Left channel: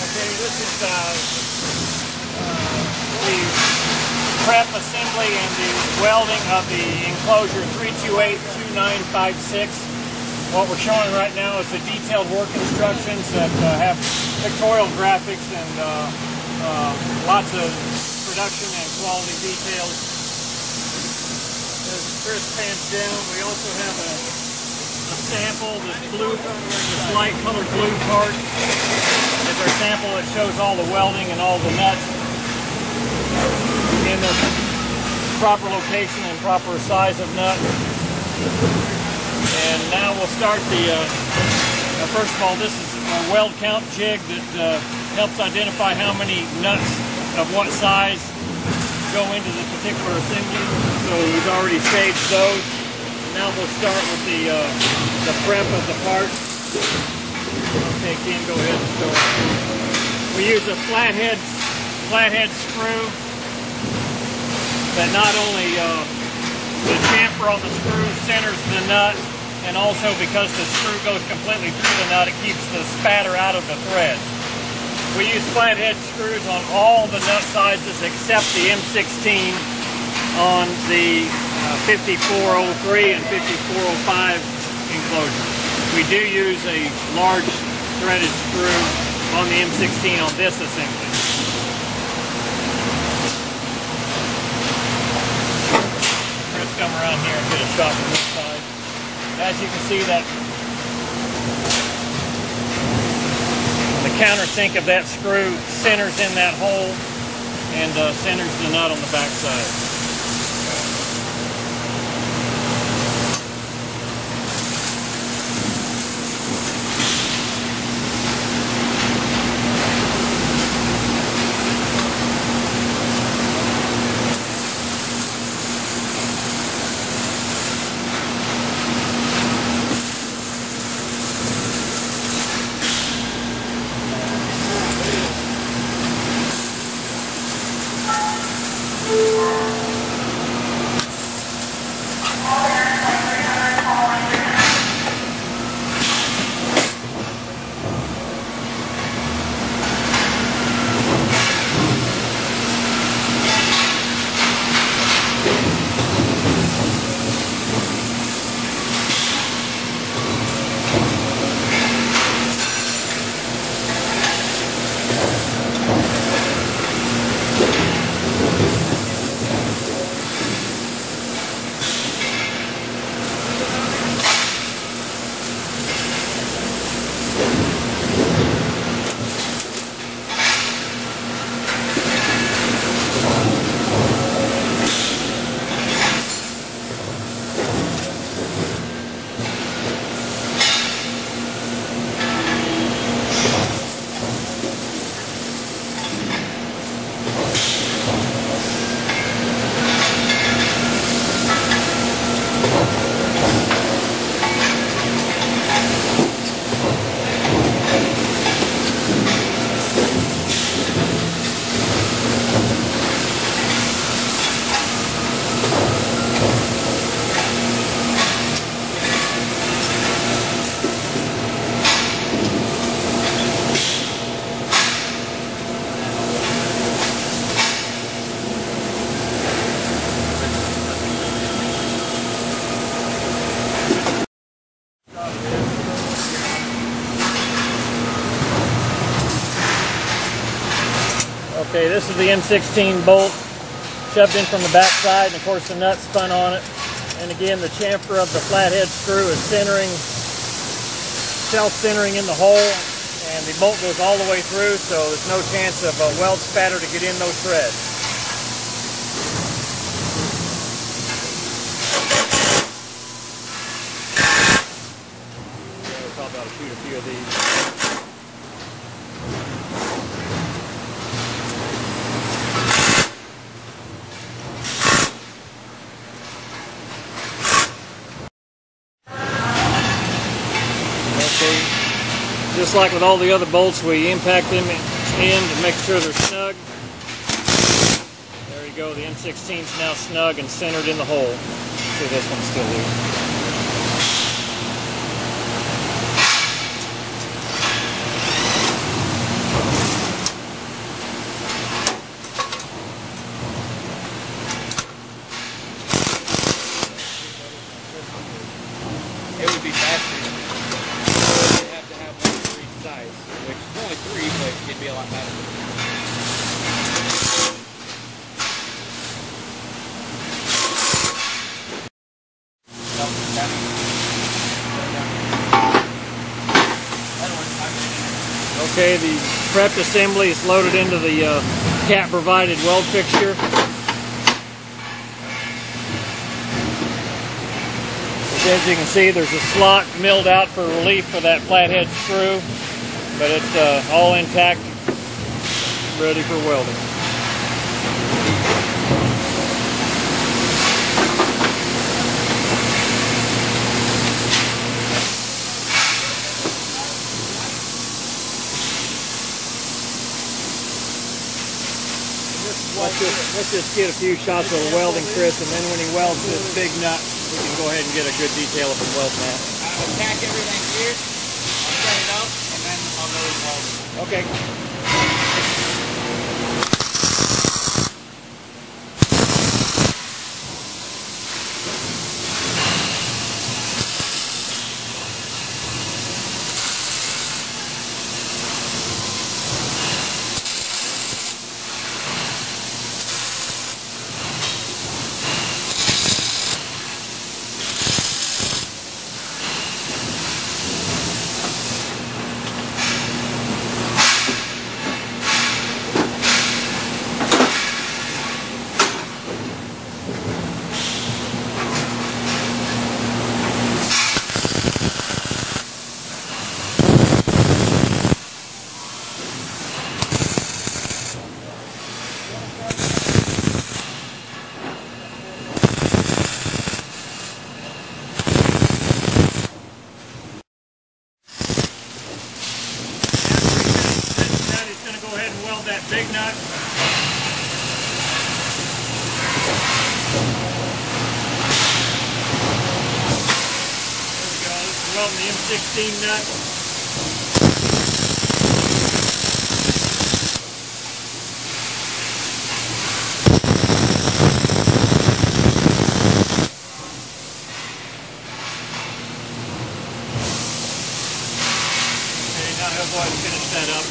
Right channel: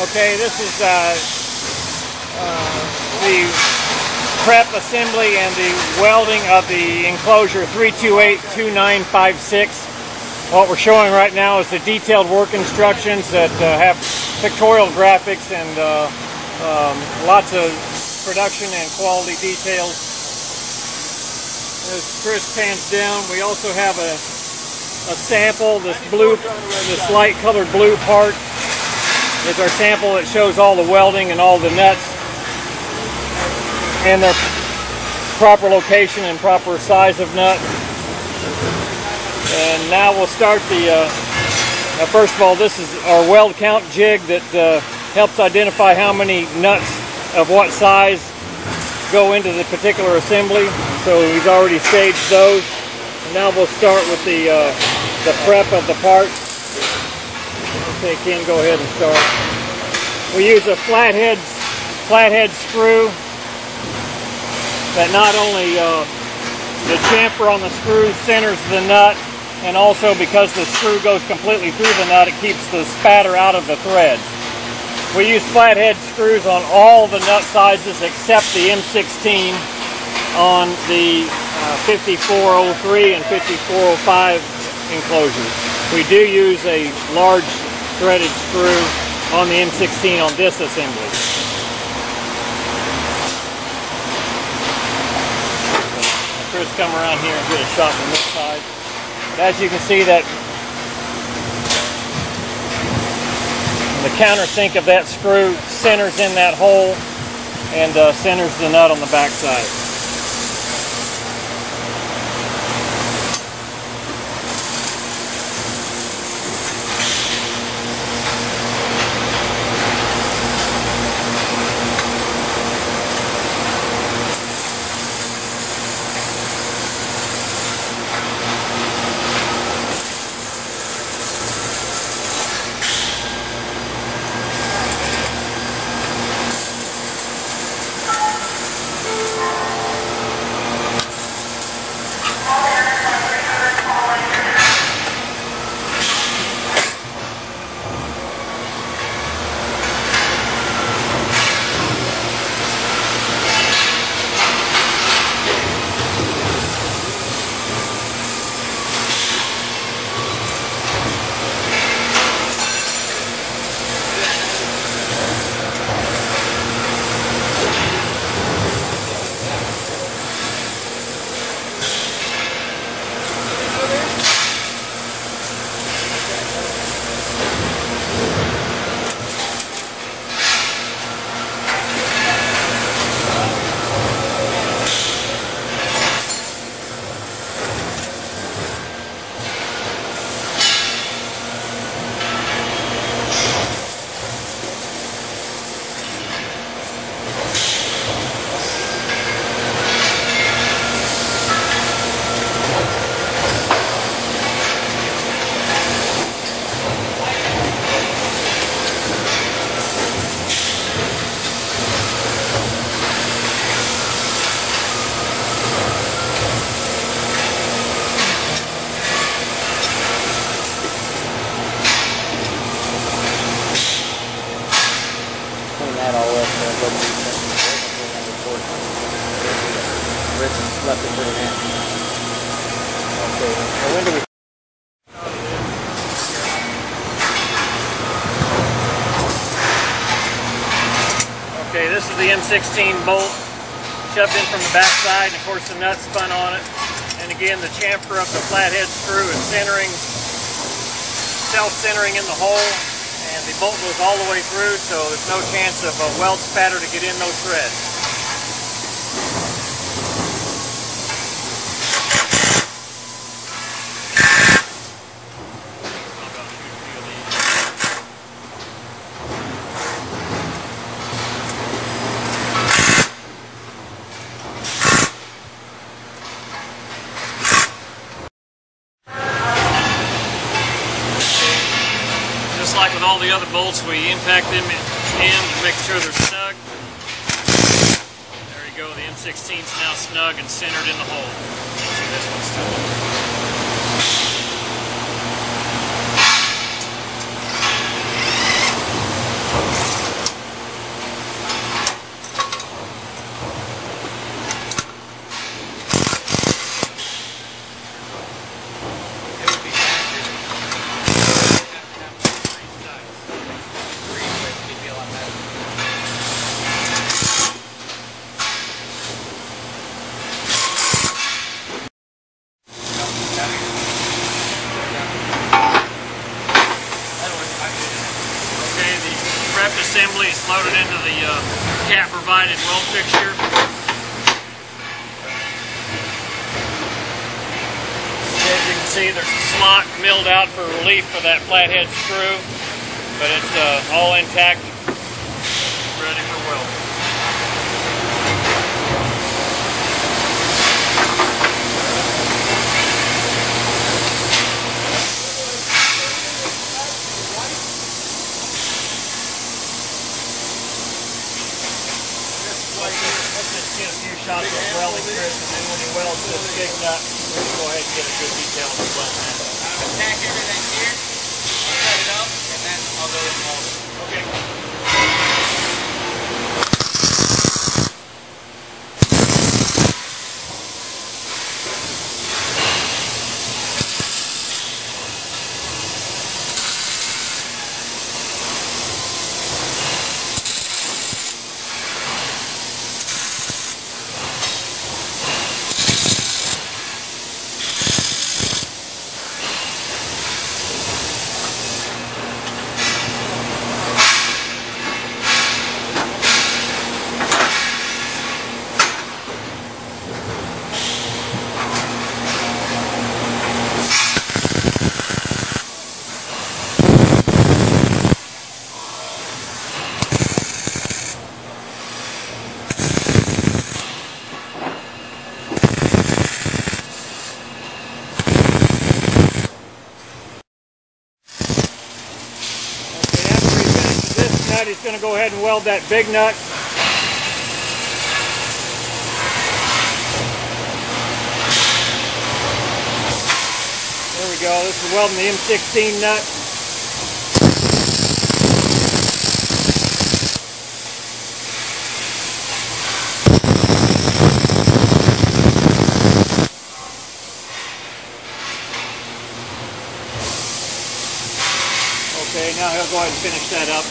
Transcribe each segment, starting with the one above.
Okay, this is the prep assembly and the welding of the enclosure 3282956. What we're showing right now is the detailed work instructions that have pictorial graphics and lots of production and quality details. As Chris pans down, we also have a sample. This light colored blue part is our sample that shows all the welding and all the nuts and their proper location and proper size of nut. And now we'll start the, first of all, this is our weld count jig that helps identify how many nuts of what size go into the particular assembly. So we've already staged those. And now we'll start with the prep of the part. Okay, Ken, go ahead and start. We use a flathead screw that not only the chamfer on the screw centers the nut, and also because the screw goes completely through the nut, it keeps the spatter out of the thread. We use flathead screws on all the nut sizes except the M16 on the 5403 and 5405 enclosures. We do use a large threaded screw on the M16 on this assembly. Chris, come around here and get a shot on this side. As you can see, that the countersink of that screw centers in that hole and centers the nut on the back side. Okay, this is the M16 bolt shoved in from the back side, and of course the nut spun on it. And again, the chamfer of the flathead screw is self-centering in the hole, and the bolt goes all the way through, so there's no chance of a weld spatter to get in those threads. Just like with all the other bolts, we impact them in to make sure they're snug. There you go, the M16 is now snug and centered in the hole. See this one's snug. Okay, the prepped assembly is loaded into the cat-provided weld fixture. As you can see, there's a slot milled out for relief for that flathead screw, but it's all intact, ready for weld. Let's just get a few shots of the welding, Chris, and then when he welds this big nut, we'll go ahead and get a good detail of the weld plan. I'll attach everything here, I'll set it up, and then I'll go and weld it. Okay. He's going to go ahead and weld that big nut. There we go. This is welding the M16 nut. Okay, now he'll go ahead and finish that up.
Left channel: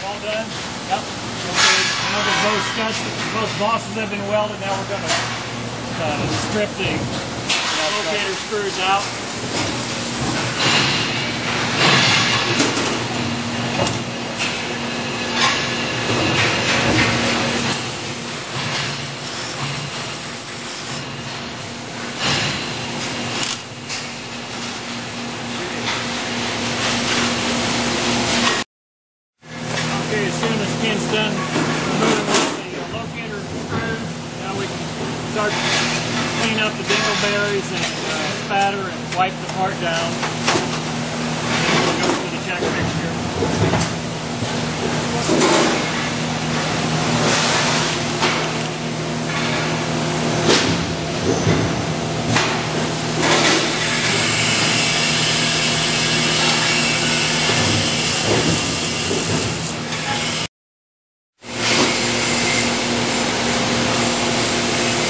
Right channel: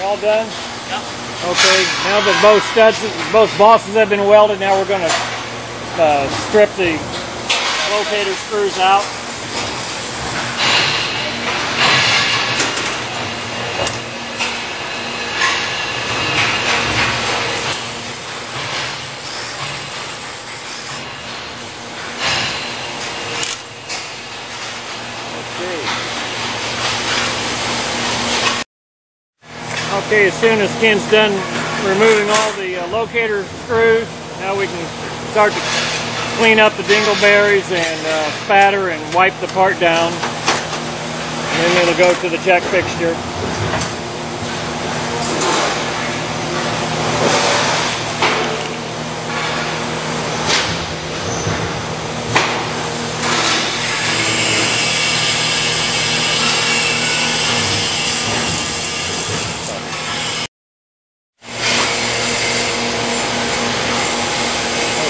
All done? Yep. Okay, now that both bosses have been welded, now we're going to strip the locator screws out. Okay, as soon as Ken's done removing all the locator screws, now we can start to clean up the dingleberries and spatter and wipe the part down. And then it'll go to the check fixture.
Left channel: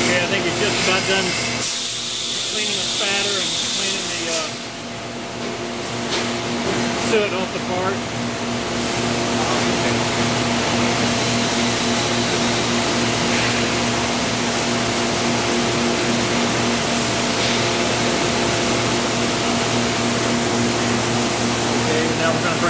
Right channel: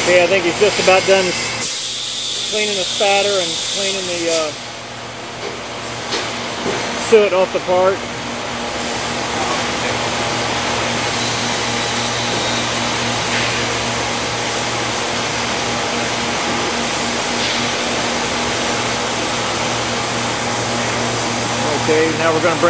Okay, I think he's just about done cleaning the spatter and cleaning the soot off the part. Okay, now we're going to bring